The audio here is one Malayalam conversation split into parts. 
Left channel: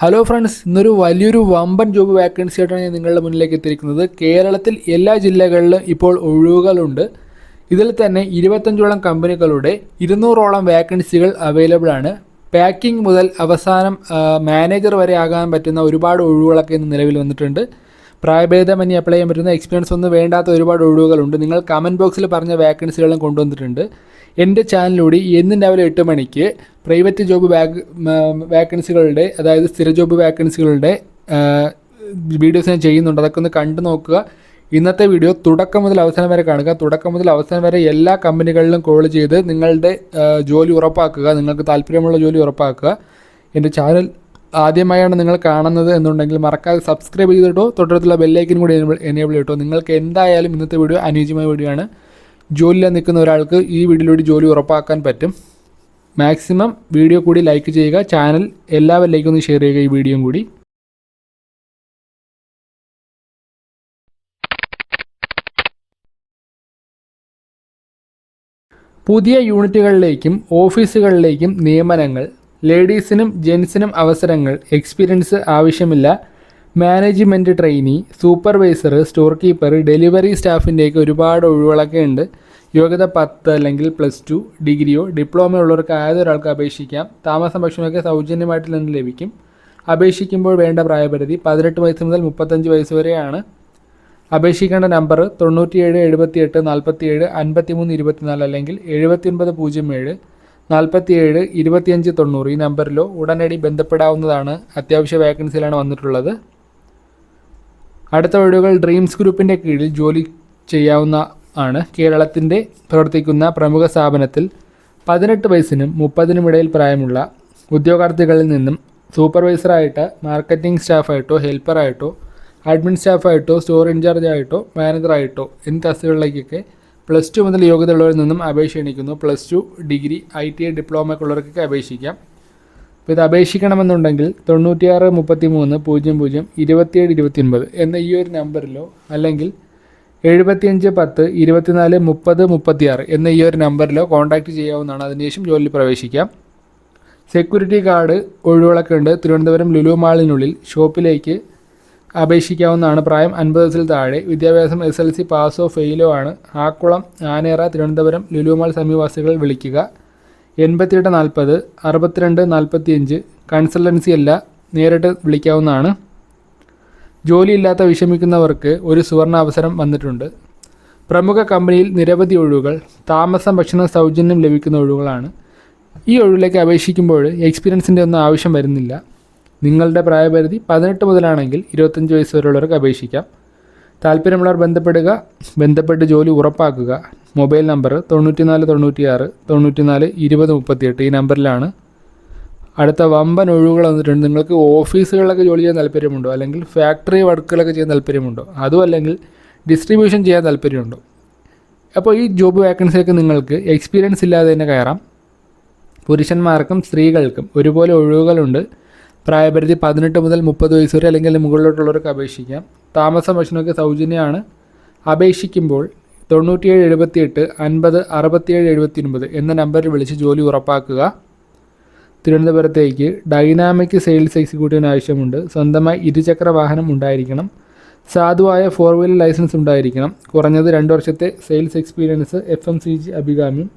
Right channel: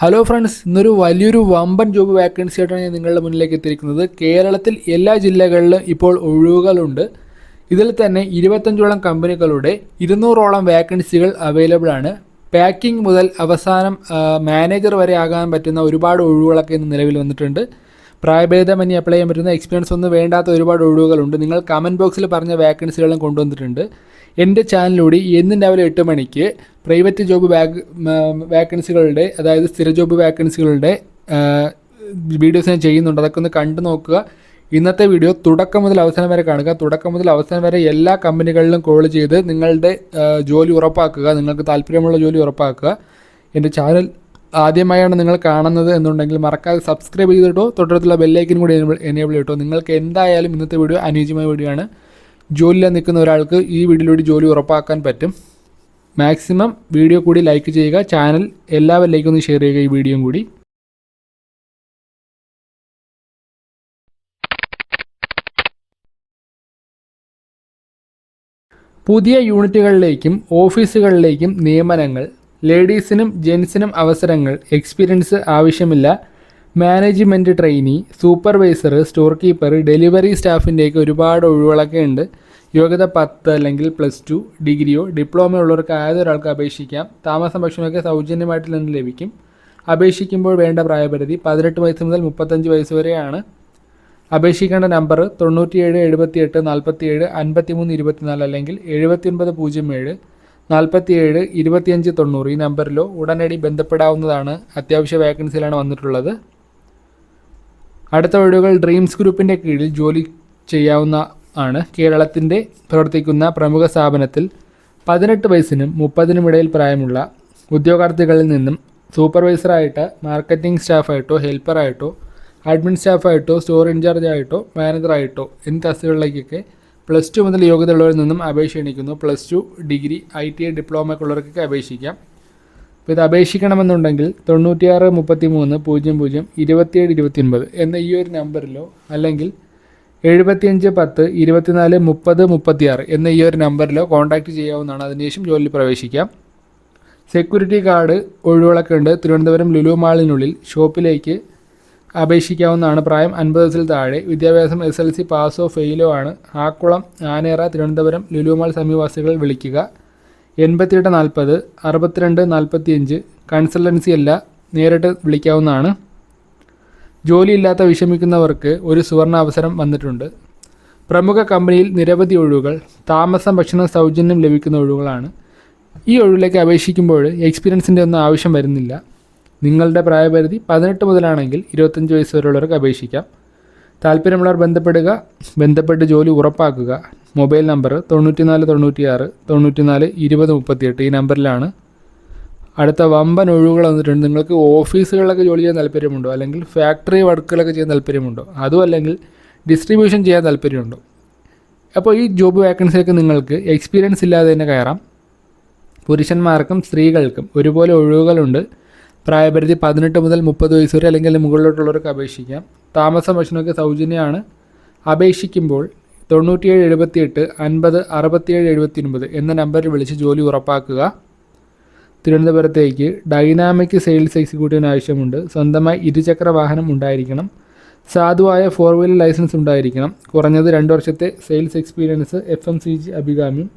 ഹലോ ഫ്രണ്ട്സ് ഇന്നൊരു വലിയൊരു വമ്പൻ ജോബ് വാക്കൻസി ആയിട്ടാണ് ഞാൻ നിങ്ങളുടെ മുന്നിലേക്ക് എത്തിയിരിക്കുന്നത്. കേരളത്തിൽ എല്ലാ ജില്ലകളിലും ഇപ്പോൾ ഒഴിവുകളുണ്ട്. ഇതിൽ തന്നെ ഇരുപത്തഞ്ചോളം കമ്പനികളുടെ ഇരുന്നൂറോളം വാക്കൻസികൾ അവൈലബിൾ ആണ്. പാക്കിംഗ് മുതൽ അവസാനം മാനേജർ വരെ ആകാൻ പറ്റുന്ന ഒരുപാട് ഒഴിവുകളൊക്കെ ഇന്ന് നിലവിൽ വന്നിട്ടുണ്ട്. പ്രായഭേദമന്യേ അപ്ലൈ ചെയ്യാൻ പറ്റുന്ന എക്സ്പീരിയൻസ് ഒന്നും വേണ്ടാത്ത ഒരുപാട് ഒഴിവുകളുണ്ട്. നിങ്ങൾ കമന്റ് ബോക്സിൽ പറഞ്ഞ വാക്കൻസികളും കൊണ്ടുവന്നിട്ടുണ്ട്. എന്റെ ചാനലിലൂടെ എന്നും രാവിലെ എട്ട് മണിക്ക് പ്രൈവറ്റ് ജോബ് വാഗ് വാക്കൻസികളുടെ അതായത് സ്ഥിര ജോബ് വാക്കൻസികളുടെ വീഡിയോസ് ഞാൻ ചെയ്യുന്നുണ്ട്. അതൊക്കെ ഒന്ന് കണ്ടു നോക്കുക. ഇന്നത്തെ വീഡിയോ തുടക്കം മുതൽ അവസാനം വരെ കാണുക. തുടക്കം മുതൽ അവസാനം വരെ എല്ലാ കമ്പനികളിലും കോൾ ചെയ്ത് നിങ്ങളുടെ ജോലി ഉറപ്പാക്കുക. നിങ്ങൾക്ക് താല്പര്യമുള്ള ജോലി ഉറപ്പാക്കുക. എന്റെ ചാനൽ ആദ്യമായാണ് നിങ്ങൾ കാണുന്നത് എന്നുണ്ടെങ്കിൽ മറക്കാതെ സബ്സ്ക്രൈബ് ചെയ്തിട്ടോ തൊട്ടടുത്തുള്ള ബെല്ലൈക്കനും കൂടി എനേബിൾ ചെയ്തിട്ടോ. നിങ്ങൾക്ക് എന്തായാലും ഇന്നത്തെ വീഡിയോ അനുയോജ്യമായ വീഡിയോ ആണ്. ജോലിയിൽ നിൽക്കുന്ന ഒരാൾക്ക് ഈ വീഡിയോയിലൂടെ ജോലി ഉറപ്പാക്കാൻ പറ്റും. മാക്സിമം വീഡിയോ കൂടി ലൈക്ക് ചെയ്യുക. ചാനൽ എല്ലാവരിലേക്കും ഒന്ന് ഷെയർ ചെയ്യുക ഈ വീഡിയോയും കൂടി. പുതിയ യൂണിറ്റുകളിലേക്കും ഓഫീസുകളിലേക്കും നിയമനങ്ങൾ ലേഡീസിനും ജെൻസിനും അവസരങ്ങൾ എക്സ്പീരിയൻസ് ആവശ്യമില്ല. Management trainee supervisor store keeper delivery സ്റ്റാഫിന്റെയൊക്കെ ഒരുപാട് ഒഴിവുകളൊക്കെ ഉണ്ട്. യോഗ്യത പത്ത് അല്ലെങ്കിൽ പ്ലസ് ടു ഡിഗ്രിയോ ഡിപ്ലോമയോ ഉള്ളവർക്ക് ആയതൊരാൾക്ക് അപേക്ഷിക്കാം. താമസം ഭക്ഷണമൊക്കെ സൗജന്യമായിട്ട് നിന്ന് ലഭിക്കും. അപേക്ഷിക്കുമ്പോൾ വേണ്ട പ്രായപരിധി പതിനെട്ട് വയസ്സ് മുതൽ മുപ്പത്തഞ്ച് വയസ്സ് വരെയാണ്. അപേക്ഷിക്കേണ്ട നമ്പർ തൊണ്ണൂറ്റിയേഴ് എഴുപത്തിയെട്ട് നാൽപ്പത്തിയേഴ് അൻപത്തിമൂന്ന് ഇരുപത്തിനാല് അല്ലെങ്കിൽ എഴുപത്തിയൊൻപത് പൂജ്യം ഏഴ് നാൽപ്പത്തിയേഴ് ഇരുപത്തിയഞ്ച് തൊണ്ണൂറ് ഈ നമ്പറിലോ ഉടനടി ബന്ധപ്പെടാവുന്നതാണ്. അത്യാവശ്യ വേക്കൻസിയിലാണ് വന്നിട്ടുള്ളത്. അടുത്ത വീടുകൾ ഡ്രീംസ് ഗ്രൂപ്പിന്റെ കീഴിൽ ജോലി ചെയ്യാവുന്ന ആണ്. കേരളത്തിന്റെ പ്രവർത്തിക്കുന്ന പ്രമുഖ സ്ഥാപനത്തിൽ പതിനെട്ട് വയസ്സിനും മുപ്പതിനും ഇടയിൽ പ്രായമുള്ള ഉദ്യോഗാർത്ഥികളിൽ നിന്നും സൂപ്പർവൈസറായിട്ട് മാർക്കറ്റിംഗ് സ്റ്റാഫായിട്ടോ ഹെൽപ്പറായിട്ടോ അഡ്മിൻ സ്റ്റാഫായിട്ടോ സ്റ്റോർ ഇൻചാർജ് ആയിട്ടോ മാനേജറായിട്ടോ എന്നീ തസ്തികളിലേക്കൊക്കെ പ്ലസ് ടു മുതൽ യോഗ്യതയുള്ളവരിൽ നിന്നും അപേക്ഷ എണിക്കുന്നു plus two degree I T I diploma ഉള്ളവർക്കൊക്കെ അപേക്ഷിക്കാം. അപ്പോൾ ഇത് അപേക്ഷിക്കണമെന്നുണ്ടെങ്കിൽ തൊണ്ണൂറ്റിയാറ് മുപ്പത്തി മൂന്ന് പൂജ്യം പൂജ്യം ഇരുപത്തിയേഴ് ഇരുപത്തിയൊൻപത് എന്ന ഈ ഒരു നമ്പറിലോ അല്ലെങ്കിൽ എഴുപത്തിയഞ്ച് പത്ത് ഇരുപത്തിനാല് മുപ്പത് മുപ്പത്തിയാറ് എന്ന ഈ ഒരു നമ്പറിലോ കോൺടാക്റ്റ് ചെയ്യാവുന്നതാണ്. അതിനുശേഷം ജോലിയിൽ പ്രവേശിക്കാം. സെക്യൂരിറ്റി കാർഡ് ഒഴിവുകളൊക്കെ ഉണ്ട് തിരുവനന്തപുരം ലുലു മാളിനുള്ളിൽ ഷോപ്പിലേക്ക് അപേക്ഷിക്കാവുന്നതാണ്. പ്രായം അൻപത് വയസ്സിൽ താഴെ. വിദ്യാഭ്യാസം എസ് എൽ സി പാസോ ഫെയിലോ ആണ്. ആക്കുളം ആനേറ തിരുവനന്തപുരം ലുലു മാൾ സമീപവാസികൾ വിളിക്കുക. എൺപത്തിയെട്ട് നാൽപ്പത് അറുപത്തിരണ്ട് നാൽപ്പത്തിയഞ്ച് കൺസൾട്ടൻസി അല്ല നേരിട്ട് വിളിക്കാവുന്നതാണ്. ജോലിയില്ലാത്ത വിഷമിക്കുന്നവർക്ക് ഒരു സുവർണ അവസരം വന്നിട്ടുണ്ട്. പ്രമുഖ കമ്പനിയിൽ നിരവധി ഒഴിവുകൾ താമസം ഭക്ഷണം സൗജന്യം ലഭിക്കുന്ന ഒഴിവുകളാണ്. ഈ ഒഴിവിലേക്ക് അപേക്ഷിക്കുമ്പോൾ എക്സ്പീരിയൻസിന്റെ ഒന്നും ആവശ്യം വരുന്നില്ല. നിങ്ങളുടെ പ്രായപരിധി പതിനെട്ട് മുതലാണെങ്കിൽ ഇരുപത്തഞ്ച് വയസ്സ് വരെയുള്ളവർക്ക് അപേക്ഷിക്കാം. താല്പര്യമുള്ളവർ ബന്ധപ്പെടുക ബന്ധപ്പെട്ട് ജോലി ഉറപ്പാക്കുക. മൊബൈൽ നമ്പർ തൊണ്ണൂറ്റിനാല് തൊണ്ണൂറ്റിയാറ് തൊണ്ണൂറ്റിനാല് ഇരുപത് മുപ്പത്തിയെട്ട് ഈ നമ്പറിലാണ്. അടുത്ത വമ്പൻ ഒഴിവുകൾ വന്നിട്ടുണ്ട്. നിങ്ങൾക്ക് ഓഫീസുകളിലൊക്കെ ജോലി ചെയ്യാൻ താല്പര്യമുണ്ടോ? അല്ലെങ്കിൽ ഫാക്ടറി വർക്കുകളൊക്കെ ചെയ്യാൻ താല്പര്യമുണ്ടോ? അതും അല്ലെങ്കിൽ ഡിസ്ട്രിബ്യൂഷൻ ചെയ്യാൻ താല്പര്യമുണ്ടോ? അപ്പോൾ ഈ ജോബ് വേക്കൻസിയൊക്കെ നിങ്ങൾക്ക് എക്സ്പീരിയൻസ് ഇല്ലാതെ തന്നെ കയറാം. പുരുഷന്മാർക്കും സ്ത്രീകൾക്കും ഒരുപോലെ ഒഴിവുകളുണ്ട്. പ്രായപരിധി പതിനെട്ട് മുതൽ മുപ്പത് വയസ്സ് വരെ അല്ലെങ്കിൽ മുകളിലോട്ടുള്ളവർക്ക് അപേക്ഷിക്കാം. താമസം ഭക്ഷണമൊക്കെ സൗജന്യമാണ്. അപേക്ഷിക്കുമ്പോൾ തൊണ്ണൂറ്റിയേഴ് എഴുപത്തിയെട്ട് അൻപത് അറുപത്തിയേഴ് എഴുപത്തിയൊൻപത് എന്ന നമ്പറിൽ വിളിച്ച് ജോലി ഉറപ്പാക്കുക. തിരുവനന്തപുരത്തേക്ക് ഡൈനാമിക് സെയിൽസ് എക്സിക്യൂട്ടീവിന് ആവശ്യമുണ്ട്. സ്വന്തമായി ഇരുചക്ര വാഹനം ഉണ്ടായിരിക്കണം. സാധുവായ ഫോർ വീലർ ലൈസൻസ് ഉണ്ടായിരിക്കണം. കുറഞ്ഞത് രണ്ട് വർഷത്തെ sales experience F M C G അഭികാമ്യം.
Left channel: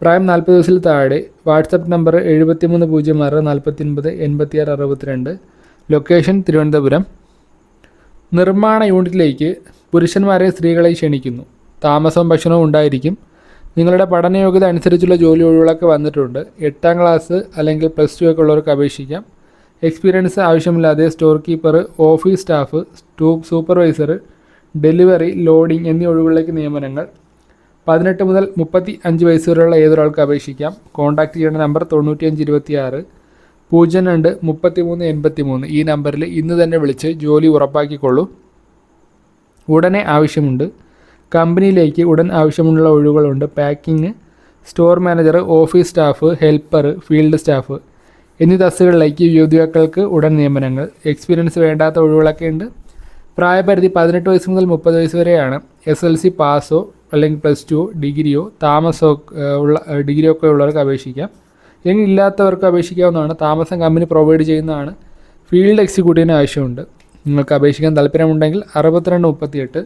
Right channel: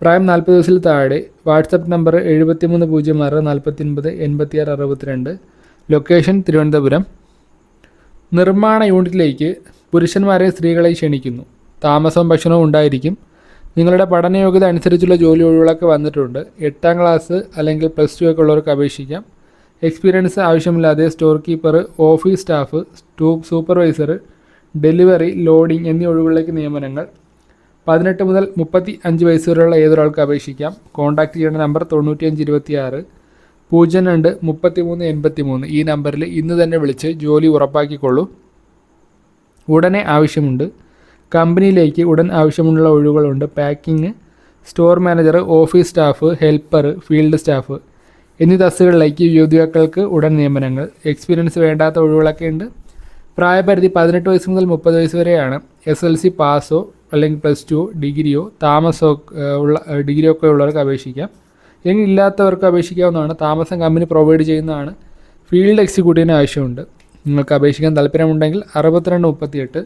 പ്രായം നാൽപ്പത് വയസ്സിൽ താഴെ. വാട്സപ്പ് നമ്പർ എഴുപത്തിമൂന്ന് പൂജ്യം ആറ് നാൽപ്പത്തിയൊൻപത് എൺപത്തിയാറ് അറുപത്തിരണ്ട്. ലൊക്കേഷൻ തിരുവനന്തപുരം. നിർമ്മാണ യൂണിറ്റിലേക്ക് പുരുഷന്മാരെ സ്ത്രീകളെ ക്ഷണിക്കുന്നു. താമസവും ഭക്ഷണവും ഉണ്ടായിരിക്കും. നിങ്ങളുടെ പഠനയോഗ്യത അനുസരിച്ചുള്ള ജോലി ഒഴിവുകളൊക്കെ വന്നിട്ടുണ്ട്. എട്ടാം ക്ലാസ് അല്ലെങ്കിൽ പ്ലസ് ടു ഒക്കെ ഉള്ളവർക്ക് അപേക്ഷിക്കാം. എക്സ്പീരിയൻസ് ആവശ്യമില്ലാതെ സ്റ്റോർ കീപ്പർ ഓഫീസ് സ്റ്റാഫ് സ്റ്റൂ സൂപ്പർവൈസർ ഡെലിവറി ലോഡിംഗ് എന്നീ ഒഴിവുകളിലേക്ക് നിയമനങ്ങൾ. പതിനെട്ട് മുതൽ മുപ്പത്തി അഞ്ച് വയസ്സ് വരെയുള്ള ഏതൊരാൾക്ക് അപേക്ഷിക്കാം. കോൺടാക്റ്റ് ചെയ്യേണ്ട നമ്പർ തൊണ്ണൂറ്റിയഞ്ച് ഇരുപത്തിയാറ്. പൂജ്യം രണ്ട് മുപ്പത്തി മൂന്ന് എൺപത്തി മൂന്ന് ഈ നമ്പറിൽ ഇന്ന് തന്നെ വിളിച്ച് ജോലി ഉറപ്പാക്കിക്കൊള്ളൂ. ഉടനെ ആവശ്യമുണ്ട്. കമ്പനിയിലേക്ക് ഉടൻ ആവശ്യമുള്ള ഒഴിവുകളുണ്ട്. Packing store manager office staff helper field staff എന്നീ തസ്തുകളിലേക്ക് യുവതികൾക്ക് ഉടൻ നിയമനങ്ങൾ. എക്സ്പീരിയൻസ് വേണ്ടാത്ത ഒഴിവുകളൊക്കെ ഉണ്ട്. പ്രായപരിധി പതിനെട്ട് വയസ്സ് മുതൽ മുപ്പത് വയസ്സ് വരെയാണ്. എസ് എൽ സി പാസോ അല്ലെങ്കിൽ പ്ലസ് ടു ഡിഗ്രിയോ താമസോ ഉള്ള ഡിഗ്രിയോ ഒക്കെ ഉള്ളവർക്ക് അപേക്ഷിക്കാം. ഇല്ലെങ്കിൽ ഇല്ലാത്തവർക്ക് അപേക്ഷിക്കാവുന്നതാണ്. താമസം കമ്പനി പ്രൊവൈഡ് ചെയ്യുന്നതാണ്. ഫീൽഡ് എക്സിക്യൂട്ടീവിന് ആവശ്യമുണ്ട്. നിങ്ങൾക്ക് അപേക്ഷിക്കാൻ താല്പര്യമുണ്ടെങ്കിൽ അറുപത്തിരണ്ട് മുപ്പത്തിയെട്ട്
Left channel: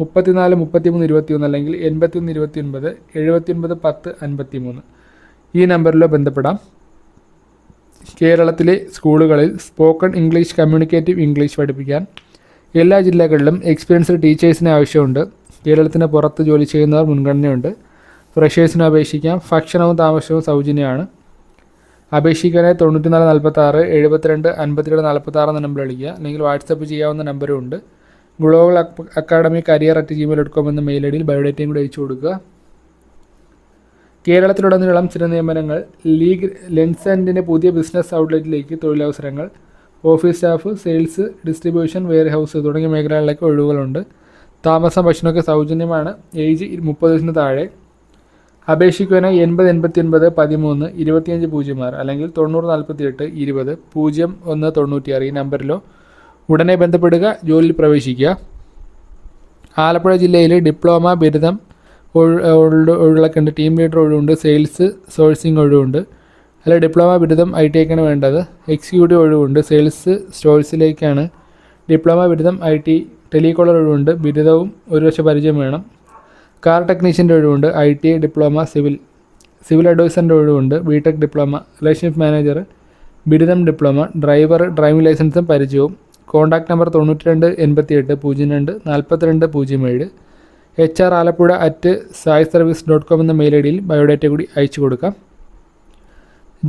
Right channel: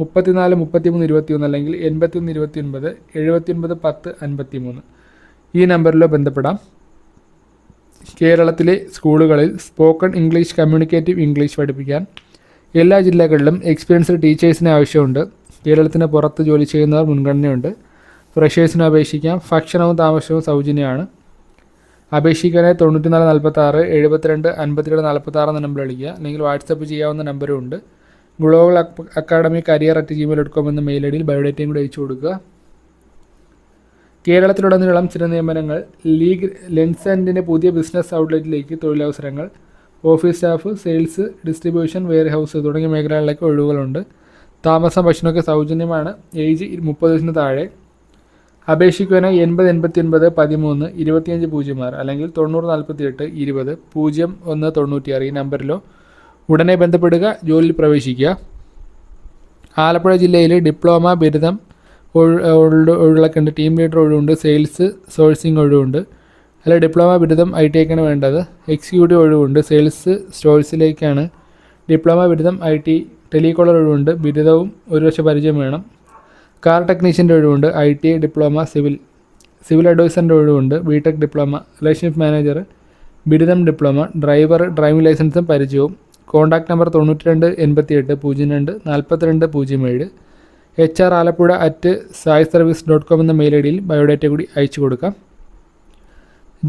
മുപ്പത്തിനാല് മുപ്പത്തിമൂന്ന് ഇരുപത്തിയൊന്ന് അല്ലെങ്കിൽ എൺപത്തിയൊന്ന് ഇരുപത്തിയൊൻപത് എഴുപത്തിയൊൻപത് പത്ത് അൻപത്തിമൂന്ന്. ഈ നമ്പറിലോ ബന്ധപ്പെടാം. കേരളത്തിലെ സ്കൂളുകളിൽ സ്പോക്കൺ ഇംഗ്ലീഷ് കമ്മ്യൂണിക്കേറ്റീവ് ഇംഗ്ലീഷ് പഠിപ്പിക്കാൻ എല്ലാ ജില്ലകളിലും എക്സ്പീരിയൻസ്ഡ് ടീച്ചേഴ്സിന് ആവശ്യമുണ്ട്. കേരളത്തിന് പുറത്ത് ജോലി ചെയ്യുന്നവർ മുൻഗണനയുണ്ട്. ഫ്രഷേഴ്സിന് അപേക്ഷിക്കാം. ഭക്ഷണവും താമസവും സൗജന്യമാണ്. അപേക്ഷിക്കാനായി തൊണ്ണൂറ്റിനാല് നാൽപ്പത്തി ആറ് എഴുപത്തിരണ്ട് അൻപത്തിരണ്ട് നാൽപ്പത്തി ആറ് എന്ന നമ്പർ വിളിക്കുക. അല്ലെങ്കിൽ വാട്സപ്പ് ചെയ്യാവുന്ന നമ്പറും ഉണ്ട്. Global academy career at Gmail dot com എന്ന മെയിൽ ഐ ഡിയിൽ ബയോഡേറ്റയും കൂടി അയച്ചു കൊടുക്കുക. കേരളത്തിലുടനീളം ചില നിയമനങ്ങൾ ലീഗ് ലെൻസ് ആൻഡിന്റെ പുതിയ ബിസിനസ് ഔട്ട്ലെറ്റിലേക്ക് തൊഴിലവസരങ്ങൾ office staff sales distribution warehouse തുടങ്ങിയ മേഖലകളിലേക്ക് ഒഴിവുകളുണ്ട്. താമസം ഭക്ഷണമൊക്കെ സൗജന്യമാണ്. ഏജ് മുപ്പത് വയസ്സിന് താഴെ. അപേക്ഷിക്കുവാനായി എൺപത് എൺപത്തി ഒൻപത് പതിമൂന്ന് ഇരുപത്തിയഞ്ച് പൂജ്യം ആറ് അല്ലെങ്കിൽ തൊണ്ണൂറ് നാൽപ്പത്തി എട്ട് ഇരുപത് പൂജ്യം ഒന്ന് തൊണ്ണൂറ്റിയാറ് ഈ നമ്പറിലോ ഉടനെ ബന്ധപ്പെടുക ജോലിയിൽ പ്രവേശിക്കുക. ആലപ്പുഴ ജില്ലയിൽ ഡിപ്ലോമ ബിരുദം ഒഴിവുകളൊക്കെ ഉണ്ട് ടീം ലീഡർ ഒഴിവുണ്ട്. സെയിൽസ് സോഴ്സിംഗ് ഒഴിവുണ്ട്. അല്ല ഡിപ്ലോമ ബിരുദം ഐ ടി ഐക്കാണ് വേണ്ടത്. എക്സിക്യൂട്ടീവ് ഒഴിവുണ്ട്. സെയിൽസ് സ്റ്റോഴ്സിലേക്കാണ് ഡിപ്ലോമ ബിരുദം ഐ ടി ടെലികോളർ ഒഴിവുണ്ട്. ബിരുദവും ഒരു വർഷം പരിചയം വേണം. കാർ ടെക്നീഷ്യന്റെ ഒഴിവുണ്ട്. I T I diploma civil. Civil അഡ്വൈസറിന്റെ ഒഴിവുണ്ട്. B tech diploma relationship manager ബിരുദം ഡിപ്ലോമ ഡ്രൈവർ ഡ്രൈവിംഗ് ലൈസൻസും പരിചയവും. കോൺടാക്ട് നമ്പർ തൊണ്ണൂറ്റി രണ്ട് എൺപത്തി എട്ട് പൂജ്യം രണ്ട് നാൽപ്പത്തിരണ്ട് പൂജ്യം ഏഴ്. H R Alappuzha at Sai service dot com എന്ന മെയിൽ ഐ ഡിയിൽ ബയോഡേറ്റ കൂടി അയച്ചു കൊടുക്കാം.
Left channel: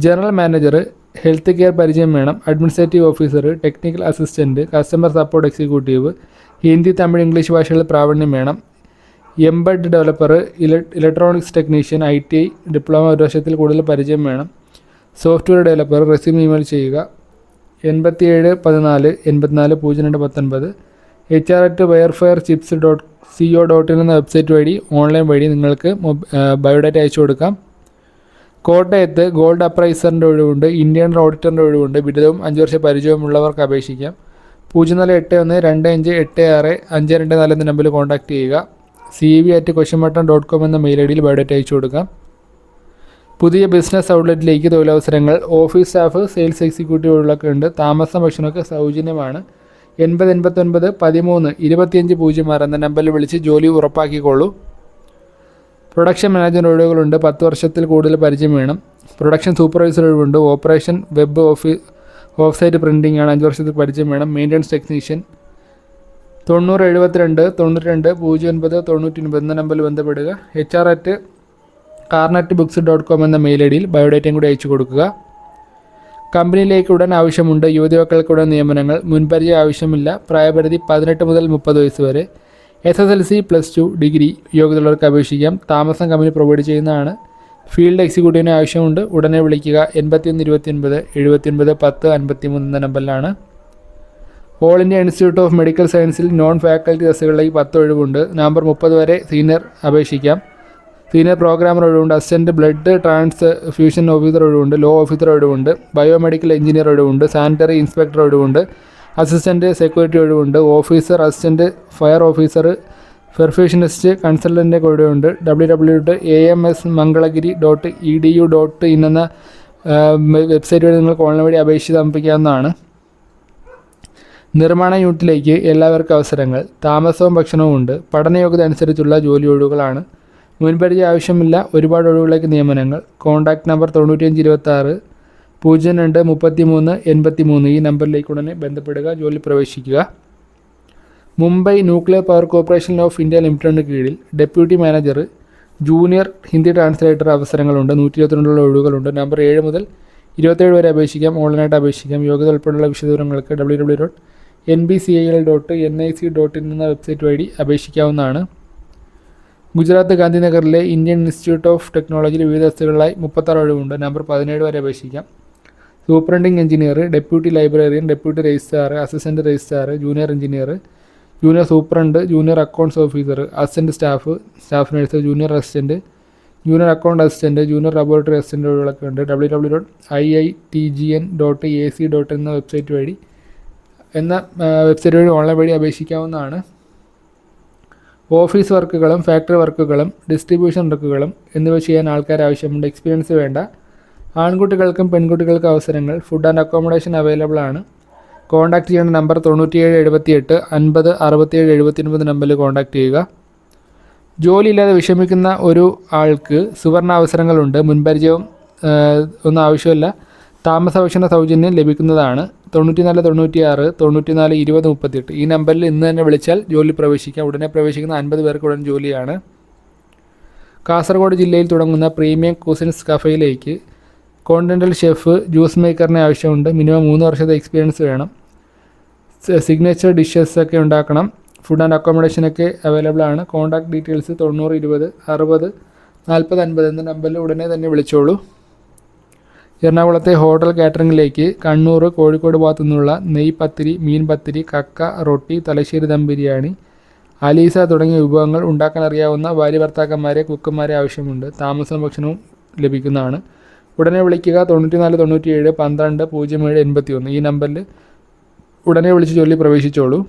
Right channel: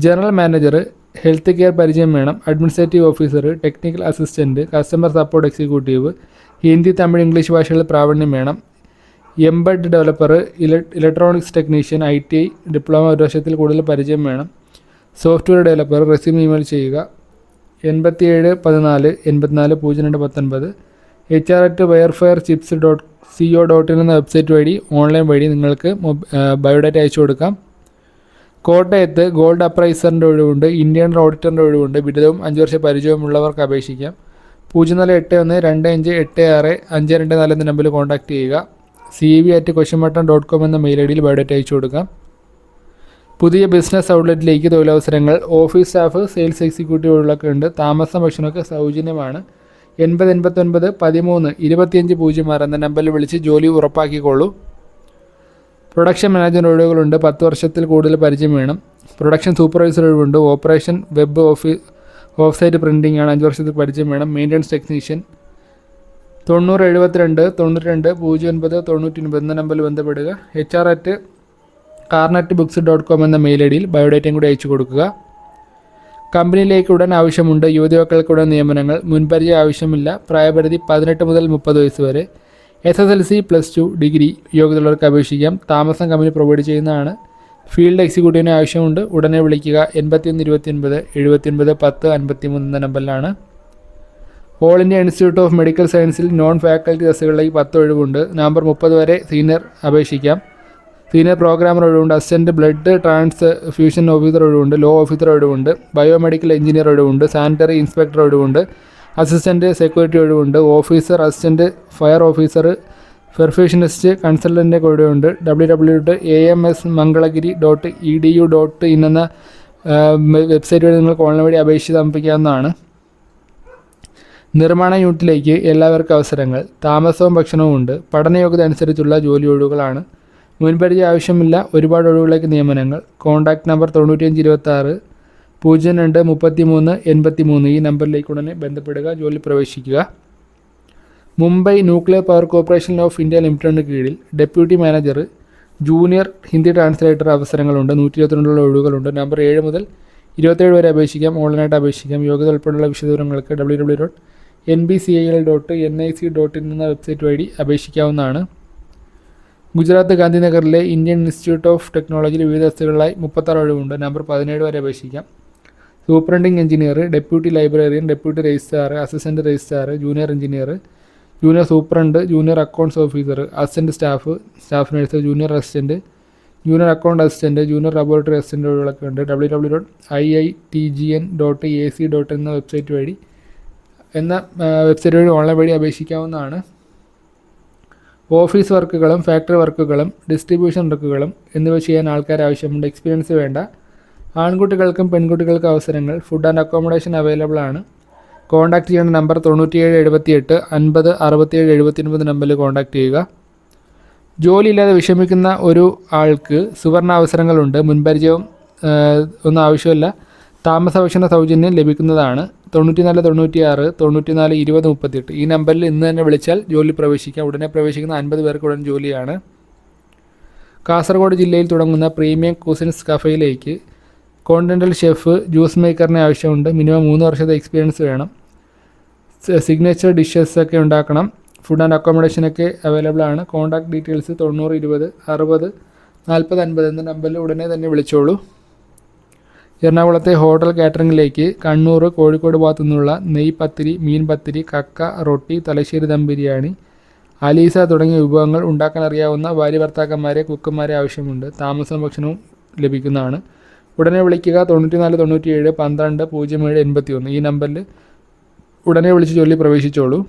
ജനറൽ മാനേജർ ഹെൽത്ത് കെയർ പരിചയം വേണം. Administrative officer technical assistant customer support executive Hindi Tamil English ഭാഷകളിൽ പ്രാവീണ്യം വേണം. Embed developer electronics technician I T I diploma ഒരു വർഷത്തിൽ കൂടുതൽ പരിചയം വേണം. സോഫ്റ്റ്വെയർ ഡെവലപ്പർ റെസ്യൂം ഇമെയിൽ ചെയ്യുക. എൺപത്തിയേഴ് പതിനാല് എൺപത്തിനാല് പൂജ്യം രണ്ട് പത്തൊൻപത്. H R at wirefare chips dot C O dot in എന്ന വെബ്സൈറ്റ് വഴി ഓൺലൈൻ വഴി നിങ്ങൾക്ക് ബയോഡാറ്റ അയച്ചു കൊടുക്കാം. കോട്ടയത്ത് ഗോൾഡ് അപ്രൈസറിന്റെ ഒഴിവുണ്ട് ഇന്ത്യൻ ഓഡിറ്ററിന്റെ ഒഴിവുണ്ട്. ബിരുദവും അഞ്ച് വർഷ പരിചയമുള്ളവർക്ക് അപേക്ഷിക്കാം. പൂജ്യം നാല് എട്ട് ഒന്ന് രണ്ട് അഞ്ച് എട്ട് ആറ് അഞ്ച് രണ്ട് നാല് എന്ന നമ്പറിൽ കോൺടാക്റ്റ് ചെയ്യുക. C V at Kosamattam dot com എന്ന മെയിൽ ഐ ഡിയിൽ ബയോഡാറ്റ അയച്ചു കൊടുക്കാം. പുതിയ ബിസിനസ് ഔട്ട്ലെറ്റിലേക്ക് തൊഴിലവസരങ്ങൾ. ഓഫീസ് സ്റ്റാഫ് സെയിൽസ് എക്സിക്യൂട്ടീവുകളൊക്കെ ഉണ്ട് താമസം ഭക്ഷണമൊക്കെ സൗജന്യമാണ്. എൺപത് എൺപത്തൊൻപത് പതിമൂന്ന് ഇരുപത്തിയഞ്ച് പൂജ്യം ആറ് എന്ന നമ്പറിൽ വിളിച്ച് ജോലി ഉറപ്പാക്കിക്കോളൂ. Production manager ഒഴിവുകളുണ്ട്. പത്ത് വർഷത്തിൽ കൂടുതൽ പരിചയം വേണം. പ്രൊഡക്ഷൻ സൂപ്പർവൈസർ ഒഴിവുണ്ട്. Operation web office offset printing ആണ്. അഞ്ച് വർഷത്തിൽ പരിചയം വേണം. Maintenance technician. തൊണ്ണൂറ് എഴുപത്തിരണ്ട് തൊണ്ണൂറ്റി രണ്ട് പൂജ്യം ഒൻപത് തൊണ്ണൂറ്റി ഒൻപത് എന്ന നമ്പറിൽ ബന്ധപ്പെടുക. H R at carnet books dot com എന്ന മെയിൽ ഐ ഡിയിൽ ബയോഡേറ്റയും കൂടി അയച്ചു കൊടുക്കുക. കമ്പനിയിലേക്ക് ഉടൻ ആവശ്യമുണ്ട് യുവതികൾക്കുടൻ നിയമനങ്ങൾ. മുൻപരിചയം ആവശ്യമില്ല. പ്രായപരിധി പതിനെട്ട് മുതൽ മുപ്പത് വയസ്സ് വരെ. S S L C plus two degree യോഗ്യതയുള്ളവർക്ക് അപേക്ഷിക്കാം. താമസം കമ്പനി പ്രൊവൈഡ് ചെയ്യുന്നതാണ്. ഫീൽഡ് എക്സിക്യൂട്ടീവിന് ആവശ്യമുണ്ട്. ഉടനെ വിളിക്കുക. എൺപത്തിയൊന്ന് ഇരുപത്തിയൊൻപത് എഴുപത്തിയൊൻപത് പത്ത് അൻപത്തി മൂന്ന് എന്ന നമ്പറിലാണ്. All India institute of medical സയൻസിൽ നോൺ ഫാക്കൽറ്റി ബസ്സുകളിലേക്ക് പത്ത് ഒഴിവുണ്ട്. നവംബർ മുപ്പത് വരെ സീനിയർ അപേക്ഷിക്കാം. സീനിയർ പ്രോഗ്രാമർ ഒഴിവുണ്ട് assistant blood transfusion officer ഒഴിവുണ്ട് ലോ ഓഫീസർ ഒഴിവുണ്ട് ബയോമെഡിക്കൽ എഞ്ചിനീയർ ഒഴിവുണ്ട് സാനിറ്ററി ഇൻസ്പെക്ടർ ഒഴിവുണ്ട് അസിസ്റ്റന്റ് സെക്യൂരിറ്റി ഒഴിവുണ്ട് officer assistant fire officer perfusionist കൺസൾട്ടന്റെ ഒഴിവുണ്ട്. W W dot A M S Mangalagiri dot E D U dot in എന്ന വെബ്സൈറ്റ് വഴി നിങ്ങൾക്ക് ഓൺലൈൻ വഴി അപേക്ഷ സമർപ്പിക്കാവുന്നതാണ് നിർമ്മാണ യൂണിറ്റിലേക്ക് എല്ലാവർക്കും അവസരങ്ങൾ. താമസവും ഭക്ഷണവും ഉണ്ട്. പഠനയോഗ്യത അനുസരിച്ചുള്ള ജോലി ഒഴിവുകളാണ്. മുൻപരിചയ ആവശ്യമില്ല. ഒരുപാട് ഒഴിവുകളിലേക്ക് നിയമനങ്ങൾ. കോൺടാക്റ്റ് നമ്പർ തൊണ്ണൂറ്റിയഞ്ച് ഇരുപത്തി ആറ് പൂജ്യം രണ്ട് മുപ്പത്തി മൂന്ന് എൺപത്തി മൂന്ന് ഈ നമ്പറിലേക്ക് ഉടനെ ബന്ധപ്പെടുക ജോലി പ്രവേശിക്കുക. Mumbai nuclear power corporation of India ലിമിറ്റഡിന് കീഴിൽ deputy manager junior Hindi translator അവസരങ്ങളുണ്ട്. നൂറ്റി ഇരുപത്തിരണ്ടുള്ള ഒഴിവുകളുണ്ട്. നമ്പർ ഏഴ് മുതൽ ഇരുപത്തേഴ് വരെ അപേക്ഷിക്കാം. ഓൺലൈനായിട്ട് അപേക്ഷിക്കാം. യോഗ്യത ഉൾപ്പെടെയുള്ള വിശദവിവരങ്ങൾക്ക് W W dot N B C I L dot N I C dot in എന്ന വെബ്സൈറ്റ് വഴി അപേക്ഷിക്കാവുന്നതാണ്. ഗുജറാത്ത് ഗാന്ധിനഗറിലെ ഇന്ത്യൻ ഇൻസ്റ്റിറ്റ്യൂട്ട് ഓഫ് ടെക്നോളജിയിൽ വിവിധ തസ്തികളിലായി മുപ്പത്താറ് ഒഴിവുണ്ട്. നമ്പർ പതിനേഴ് വരെ അപേക്ഷിക്കാം. Superintending engineer deputy librarian deputy registrar assistant registrar junior engineer junior superintendent junior accounts officer assistant staff staff nurse junior assistant junior account assistant junior laboratory assistant ഒഴിവുകളൊക്കെ ഉണ്ട്. W W dot I I T G N dot A C dot എന്ന വെബ്സൈറ്റ് വഴി എന്ന വെബ്സൈറ്റ് വഴി ഓൺലൈൻ വഴി അപേക്ഷിക്കാവുന്നതാണ്. ഓഫീസ് വർക്കുകളും ഫാക്ടറി വർക്കുകളും ഡിസ്ട്രിബ്യൂഷൻ വർക്കുകളും എന്നിവ ചെയ്യാൻ ആൾക്കാർ ആവശ്യമുണ്ട്. എക്സ്പീരിയൻസ് വേണ്ട. ആൺകുട്ടികൾക്കും പെൺകുട്ടികൾക്കും അവസരങ്ങൾ. ഫുഡ് ആൻഡ് അക്കോമഡേഷൻ അവൈലബിൾ ആണ്. കോൺടാക്ട് ചെയ്യേണ്ട നമ്പർ തൊണ്ണൂറ്റിയേഴ് എഴുപത്തിയെട്ട് അൻപത് അറുപത്തിയേഴ് എഴുപത്തിയൊൻപത് നമ്പറിൽ കോൺടാക്ട് ചെയ്യുക. ജോലിയില്ലാതെ വിഷമിക്കുന്ന ഒരു ആൾക്ക് സുവർണ അവസരങ്ങളുണ്ട്. മുൻപരിചയം ഒന്നും ആവശ്യമില്ല. താമസ ഭക്ഷണ സൗജന്യം ലഭിക്കുന്നതാണ്. തൊണ്ണൂറ്റിനാല് തൊണ്ണൂറ്റിയാറ് തൊണ്ണൂറ്റിനാല് ഇരുപത് മുപ്പത്തിയെട്ട്. ഈ നമ്പറിൽ ഇന്ന് തന്നെ വിളിച്ചാൽ ജോലി പ്രവേശിക്കാം. ഉടനെ പ്രവേശിക്കുന്ന അൻപത് പേർക്ക് ഉടൻ ജോലിയാണ്. കാസർഗോഡ് ജില്ലയിൽ തുടങ്ങുന്ന പ്രീമിയം കുസിൻസ് കഫയിലേക്ക് കോണ്ടിനെന്റൽ ഷെഫ് ജ്യൂസ് മേക്കറിനെ ആവശ്യമുണ്ട്. മിനിമം മൂന്ന് വർഷത്തെ എക്സ്പീരിയൻസ് വേണം. സിഗ്നേച്ചർ ഡിഷസ് ഒക്കെ ഉണ്ടാക്കണം. ഫുഡ് ആൻഡ് അക്കോമഡേഷൻ ഒക്കെ അവൈലബിൾ ആണ്. കോൺടാക്ട് ഡീറ്റെയിൽസ് തൊണ്ണൂറ് ഇരുപത് അറുപത് നാൽപ്പത് അൻപത് എന്ന നമ്പറിൽ ഉടനെ തന്നെ വിളിച്ചോളൂ. എറണാകുളത്തെ ഹോട്ടൽ കാറ്ററിംഗിലേക്ക് കണ്ണൂർ കോഴിക്കോട് ഭാഗത്തു നിന്നുള്ള നെയ് പത്തിരി മീൻ പത്തിരി കക്ക റൊട്ടി തലശ്ശേരി ദം ബിരിയാണി അലീസ തുടങ്ങിയ വിഭവങ്ങൾ ഉണ്ടാക്കാൻ അറിയാവുന്ന ഭാര്യ ഭർത്താക്കന്മാരെ കുക്കന്മാരെ ആവശ്യമുണ്ട്. താമസവും ഭക്ഷണവും ലഭിക്കുന്നതാണ്. ഉടനെ വിളിക്കുക തൊണ്ണൂറ്റിനാല് തൊണ്ണൂറ്റിയേഴ് പന്ത്രണ്ട് പൂജ്യം ഏഴ് എൺപത്തി ഒന്ന് ഈ നമ്പറിൽ ഉടനെ വിളിച്ച് ചൊല്ലി പ്രവേശിച്ചോളൂ.